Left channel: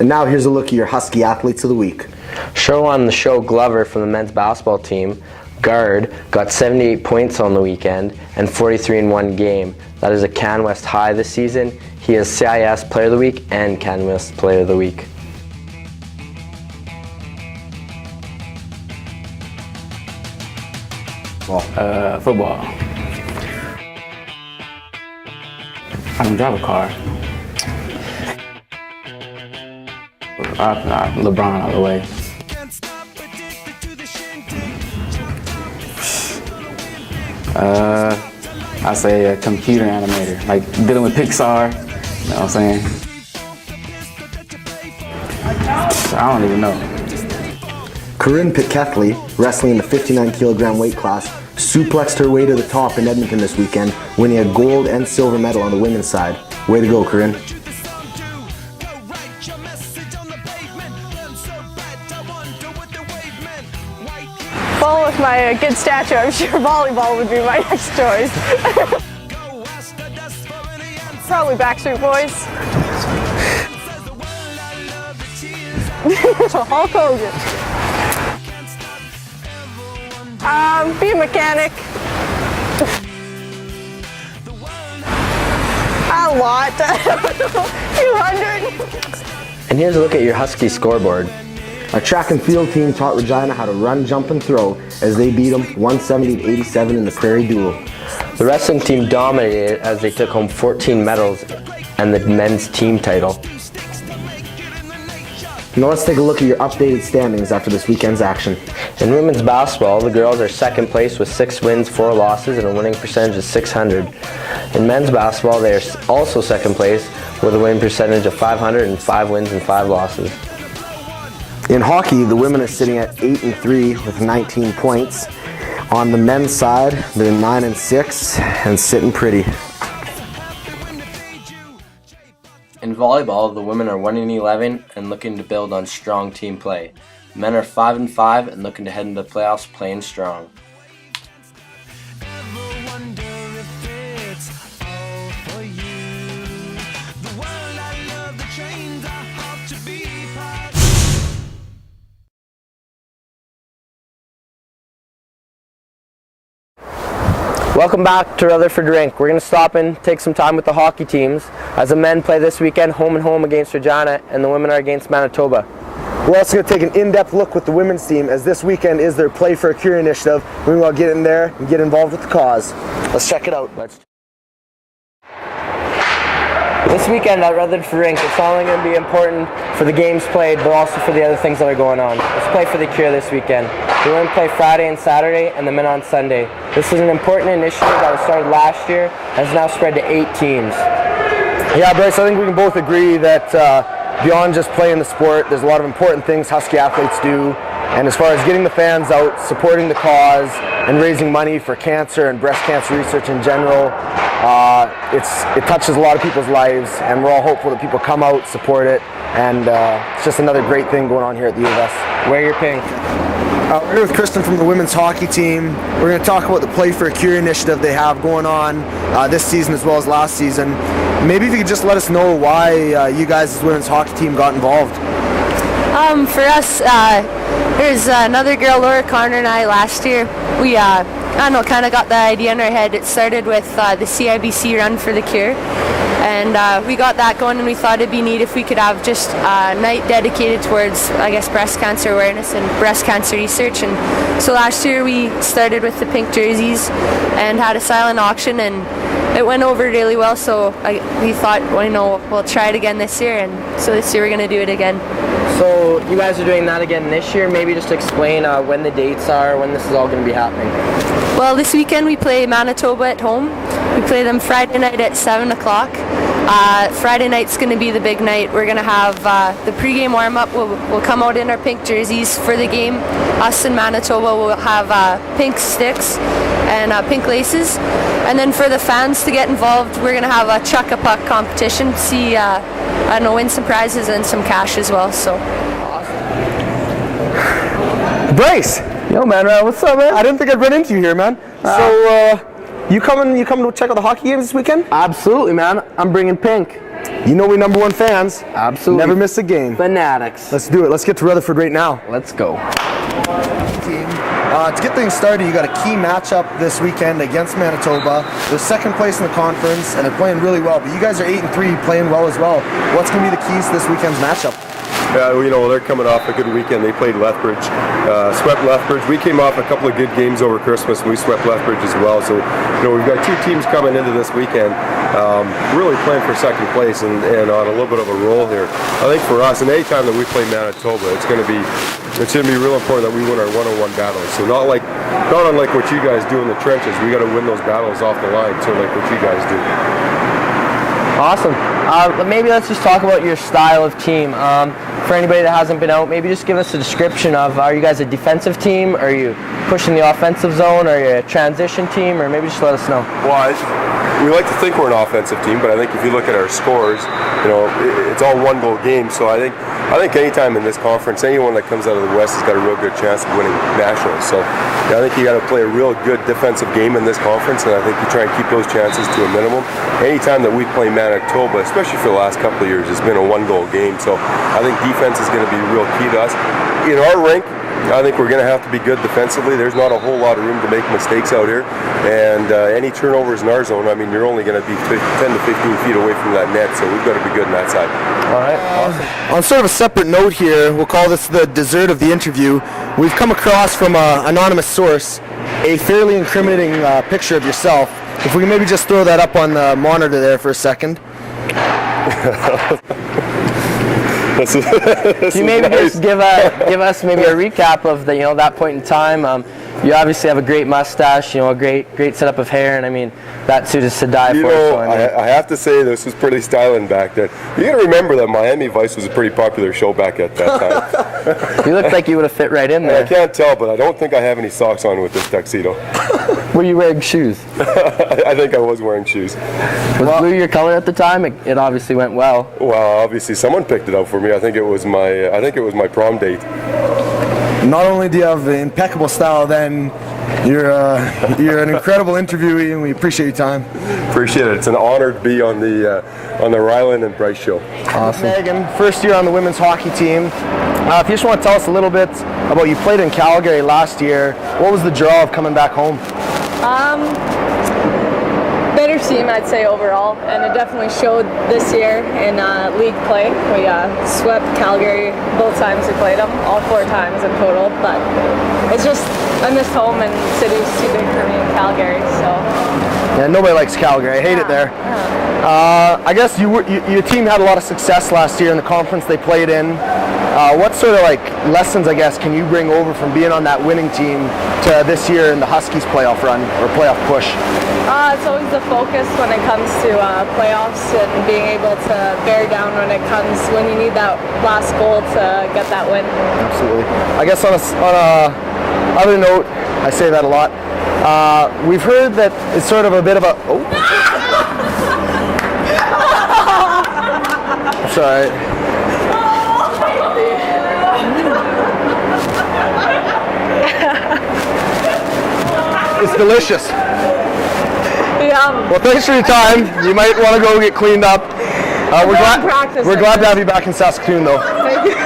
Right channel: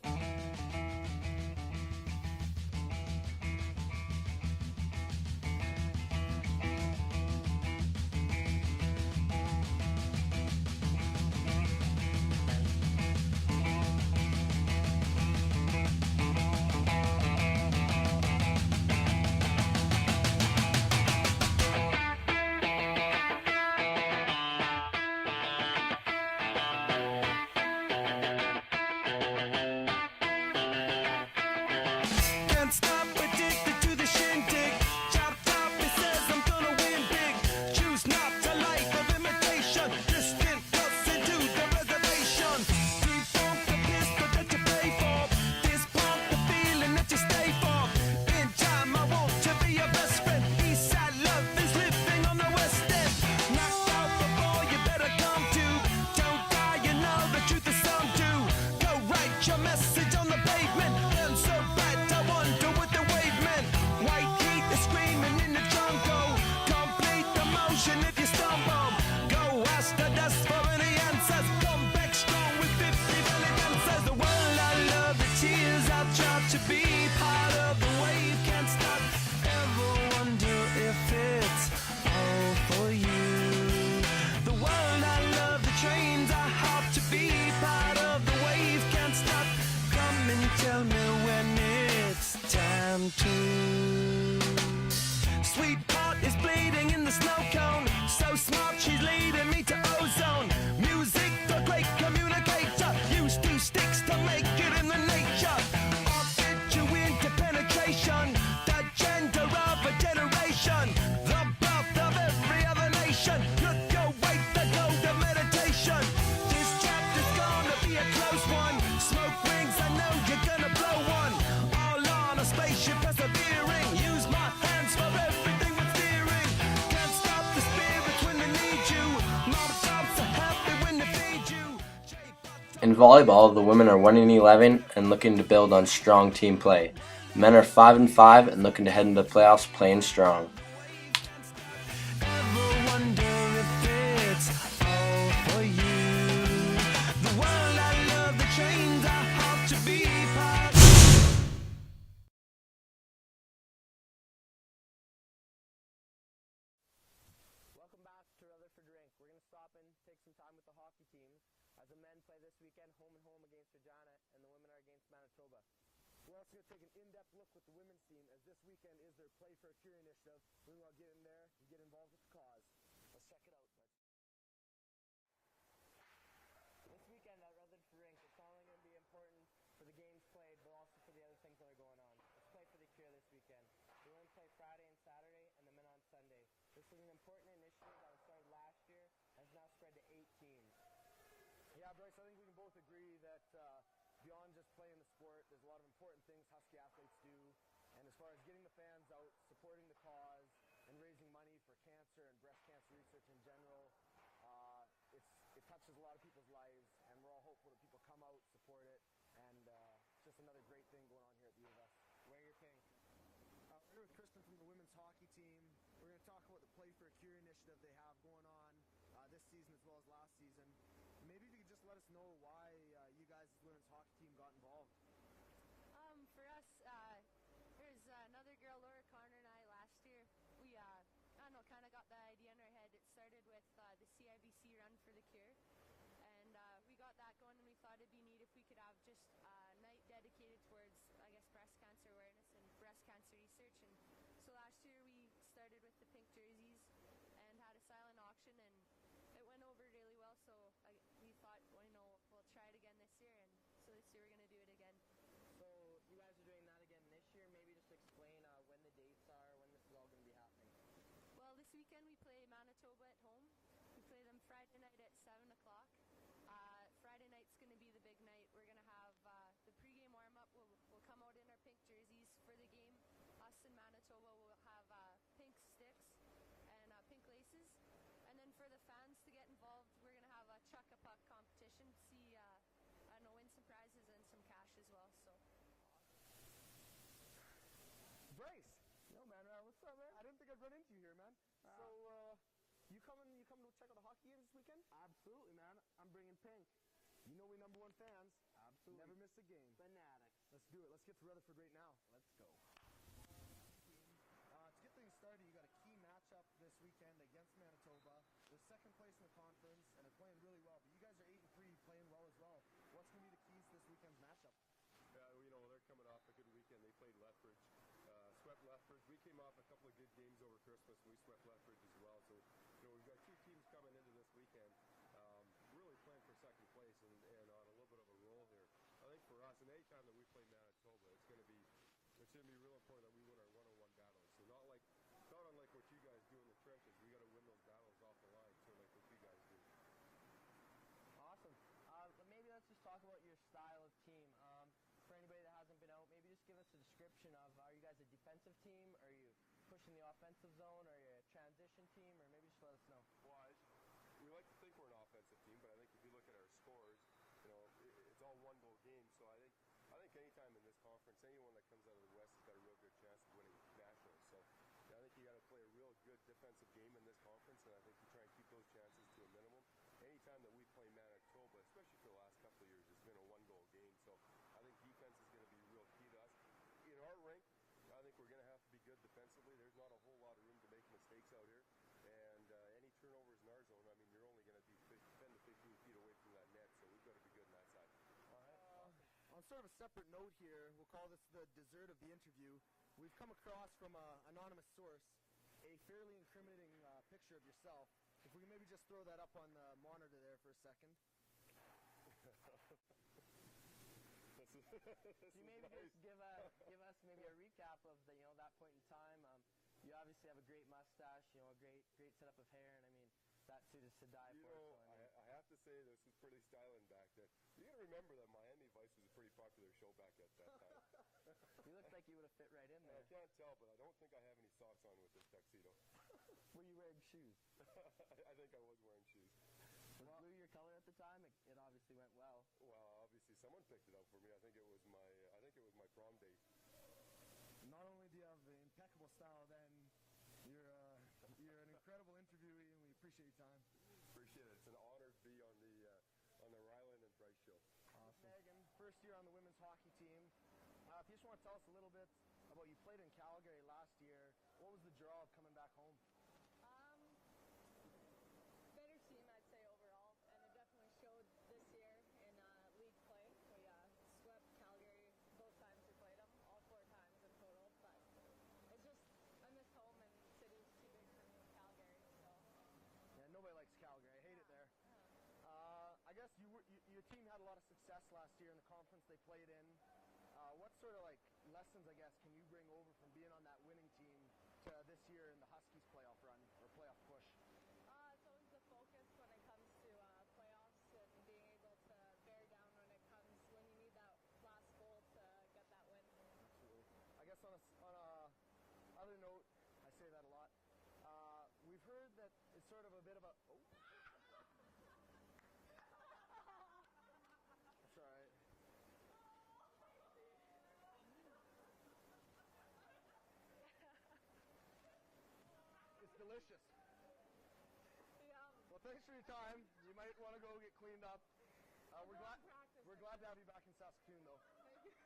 And now here's a look at your Husky athletes of the week. Show on the show Glover from the men's basketball team, guard, got 78 points on the weekend and 43 in one game. That is a Can West high this season. He is CIS Player of the Week and Can West Player of the Week. Football. I don't drive a car. LeBron all the way. I say a computer animator, like dealing with Pixar. You know what I'm saying? I don't even know. Corinne Pikethley, wrestling in the 59-kilogram weight class, suplexed her way to the top in Edmonton this weekend, winning a gold and silver medal on the women's side. Way to go, Corinne. Well, with my good stature, I'm sure volleyball would be my next choice. Probably Backstreet Boys. Hulk Hogan. Be a mechanic. A lot. 200. And here's a look at your Husky scoreboard. Our track and field team taught Regina how to run, jump, and throw as they beat them 170-87 in the Prairie Duel. The wrestling team dominated as they took home 14 medals and the men's team title. Now let's take a look at your updated standings after this weekend's action. In women's basketball, the girls are second place with 6 wins, 4 losses, and a winning percentage of .600. In men's basketball, they are also second place with a winning percentage of .500 and 5 wins and 5 losses. In hockey, the women are sitting at 8-3 with 19 points. On the men's side, they're 9-6 and sitting pretty. In volleyball, the women are 1-11 and looking to build on strong team play. The men are 5-5 and looking to head into the playoffs playing strong. Welcome back to Rutherford Rink. We're going to stop and take some time with the hockey teams as the men play this weekend home and home against Regina and the women are against Manitoba. We're also going to take an in-depth look with the women's team as this weekend is their Play for a Cure initiative. We're going to get in there and get involved with the cause. Let's check it out. This weekend at Rutherford Rink, it's not only going to be important for the games played, but also for the other things that are going on. Let's play for the cure this weekend. The women play Friday and Saturday, and the men on Sunday. This is an important initiative that was started last year and has now spread to 8 teams. Yeah, Bryce, I think we can both agree that beyond just playing the sport, there's a lot of important things Husky athletes do. And as far as getting the fans out, supporting the cause, and raising money for cancer and breast cancer research in general, it touches a lot of people's lives, and we're all hopeful that people come out, support it, and it's just another great thing going on here at the U of S. Wear your pink. We're here with Kristen from the women's hockey team. We're going to talk about the Play for a Cure initiative they have going on this season as well as last season. Maybe if you could just let us know why you guys as women's hockey team got involved. For us, there's another girl, Laura Connor, and I last year. We, kind of got the idea in our head. It started with the CIBC Run for the Cure. And we got that going, and we thought it'd be neat if we could have just a night dedicated towards, I guess, breast cancer awareness and breast cancer research. And so last year we started with the pink jerseys and had a silent auction, and it went over really well. So we thought, well, we'll try it again this year, and so this year we're going to do it again. So you guys are doing that again this year. Maybe just explain when the dates are, when this is all going to be happening. Well, this weekend we play Manitoba at home. We play them Friday night at 7 o'clock. Friday night's going to be the big night. We're going to have the pregame warm-up. We'll come out in our pink jerseys for the game. Us in Manitoba will have pink sticks and pink laces. And then for the fans to get involved, we're going to have a chuck-a-puck competition. See, win some prizes and some cash as well. So. Bryce! Yo, man, what's up, man? I didn't think I'd run into you here, man. So, you coming to check out the hockey games this weekend? Absolutely, man. I'm bringing pink. You know we #1 fans. Absolutely. Never miss a game. Fanatics. Let's do it. Let's get to Rutherford right now. Let's go. Team. To get things started, you got a key matchup this weekend against Manitoba. They're second place in the conference, and they're playing really well. But you guys are 8-3, playing well as well. What's going to be the keys to this weekend's matchup? They're coming off a good weekend. They played Lethbridge, swept Lethbridge. We came off a couple of good games over Christmas, and we swept Lethbridge as well. So, we've got two teams coming into this weekend, really playing for second place and on a little bit of a roll here. I think for us, and any time that we play Manitoba, it's going to be real important that we win our one-on-one battles. So not unlike what you guys do in the trenches, we got to win those battles off the line, sort of like what you guys do. Awesome. Maybe let's just talk about your style of team. For anybody that hasn't been out, maybe just give us a description of, are you guys a defensive team? Are you pushing the offensive zone? Are you a transition team? Or maybe just let us know. Well, we like to think we're an offensive team, but I think if you look at our scores, it's all one-goal games. So I think anytime in this conference, anyone that comes out of the West has got a real good chance of winning nationals. So I think you got to play a real good defensive game in this conference, and I think you try and keep those chances to a minimum. Anytime that we play Manitoba, especially for the last couple of years, it's been a one-goal game. So I think defense is going to be real key to us. In our rink, I think we're going to have to be good defensively. There's not a whole lot of room to make mistakes out here. And any turnovers in our zone, you're only going to be 10 to 15 feet away from that net, so we've got to be good on that side. All right, awesome. On sort of a separate note here, we'll call this the dessert of the interview. We've come across from an anonymous source a fairly incriminating picture of yourself. If we can maybe just throw that up on the monitor there for a second. Can you maybe just give us maybe a recap of that point in time? You obviously have a great mustache, a great setup of hair, and that suit is to die for. I have to say this was pretty styling back then. You got to remember that Miami Vice was a pretty popular show back at that time. You looked like you would have fit right in there. I can't tell, but I don't think I have any socks on with this tuxedo. Were you wearing shoes? I think I was wearing shoes. Was blue your color at the time? It obviously went well. Well, obviously someone picked it out for me. I think it was my prom date. Not only do you have impeccable style, then you're an incredible interviewee, and we appreciate your time. Appreciate it. It's an honor to be on the Ryland and Bryce show. Awesome. Megan, first year on the women's hockey team. If you just want to tell us a little bit about, you played in Calgary last year. What was the draw of coming back home? Better team, I'd say, overall, and it definitely showed this year in league play. We swept Calgary both times we played them, all 4 times in total, but it's just, I missed home, and the city's too big for me in Calgary, so. Yeah, nobody likes Calgary. I hate it there. I guess your team had a lot of success last year in the conference they played in. What sort of lessons, I guess, can you bring over from being on that winning team to this year in the Huskies playoff run or playoff push? It's always the focus when it comes to playoffs and being able to bear down when you need that last goal to get that win. Absolutely. I guess on a other note, I say that a lot. We've heard that it's sort of a bit of a. Oh. Sorry. It's delicious. Yeah. Well, thanks for your time. You might want to go get cleaned up. We're glad to have you back in Saskatoon, though. Thank you.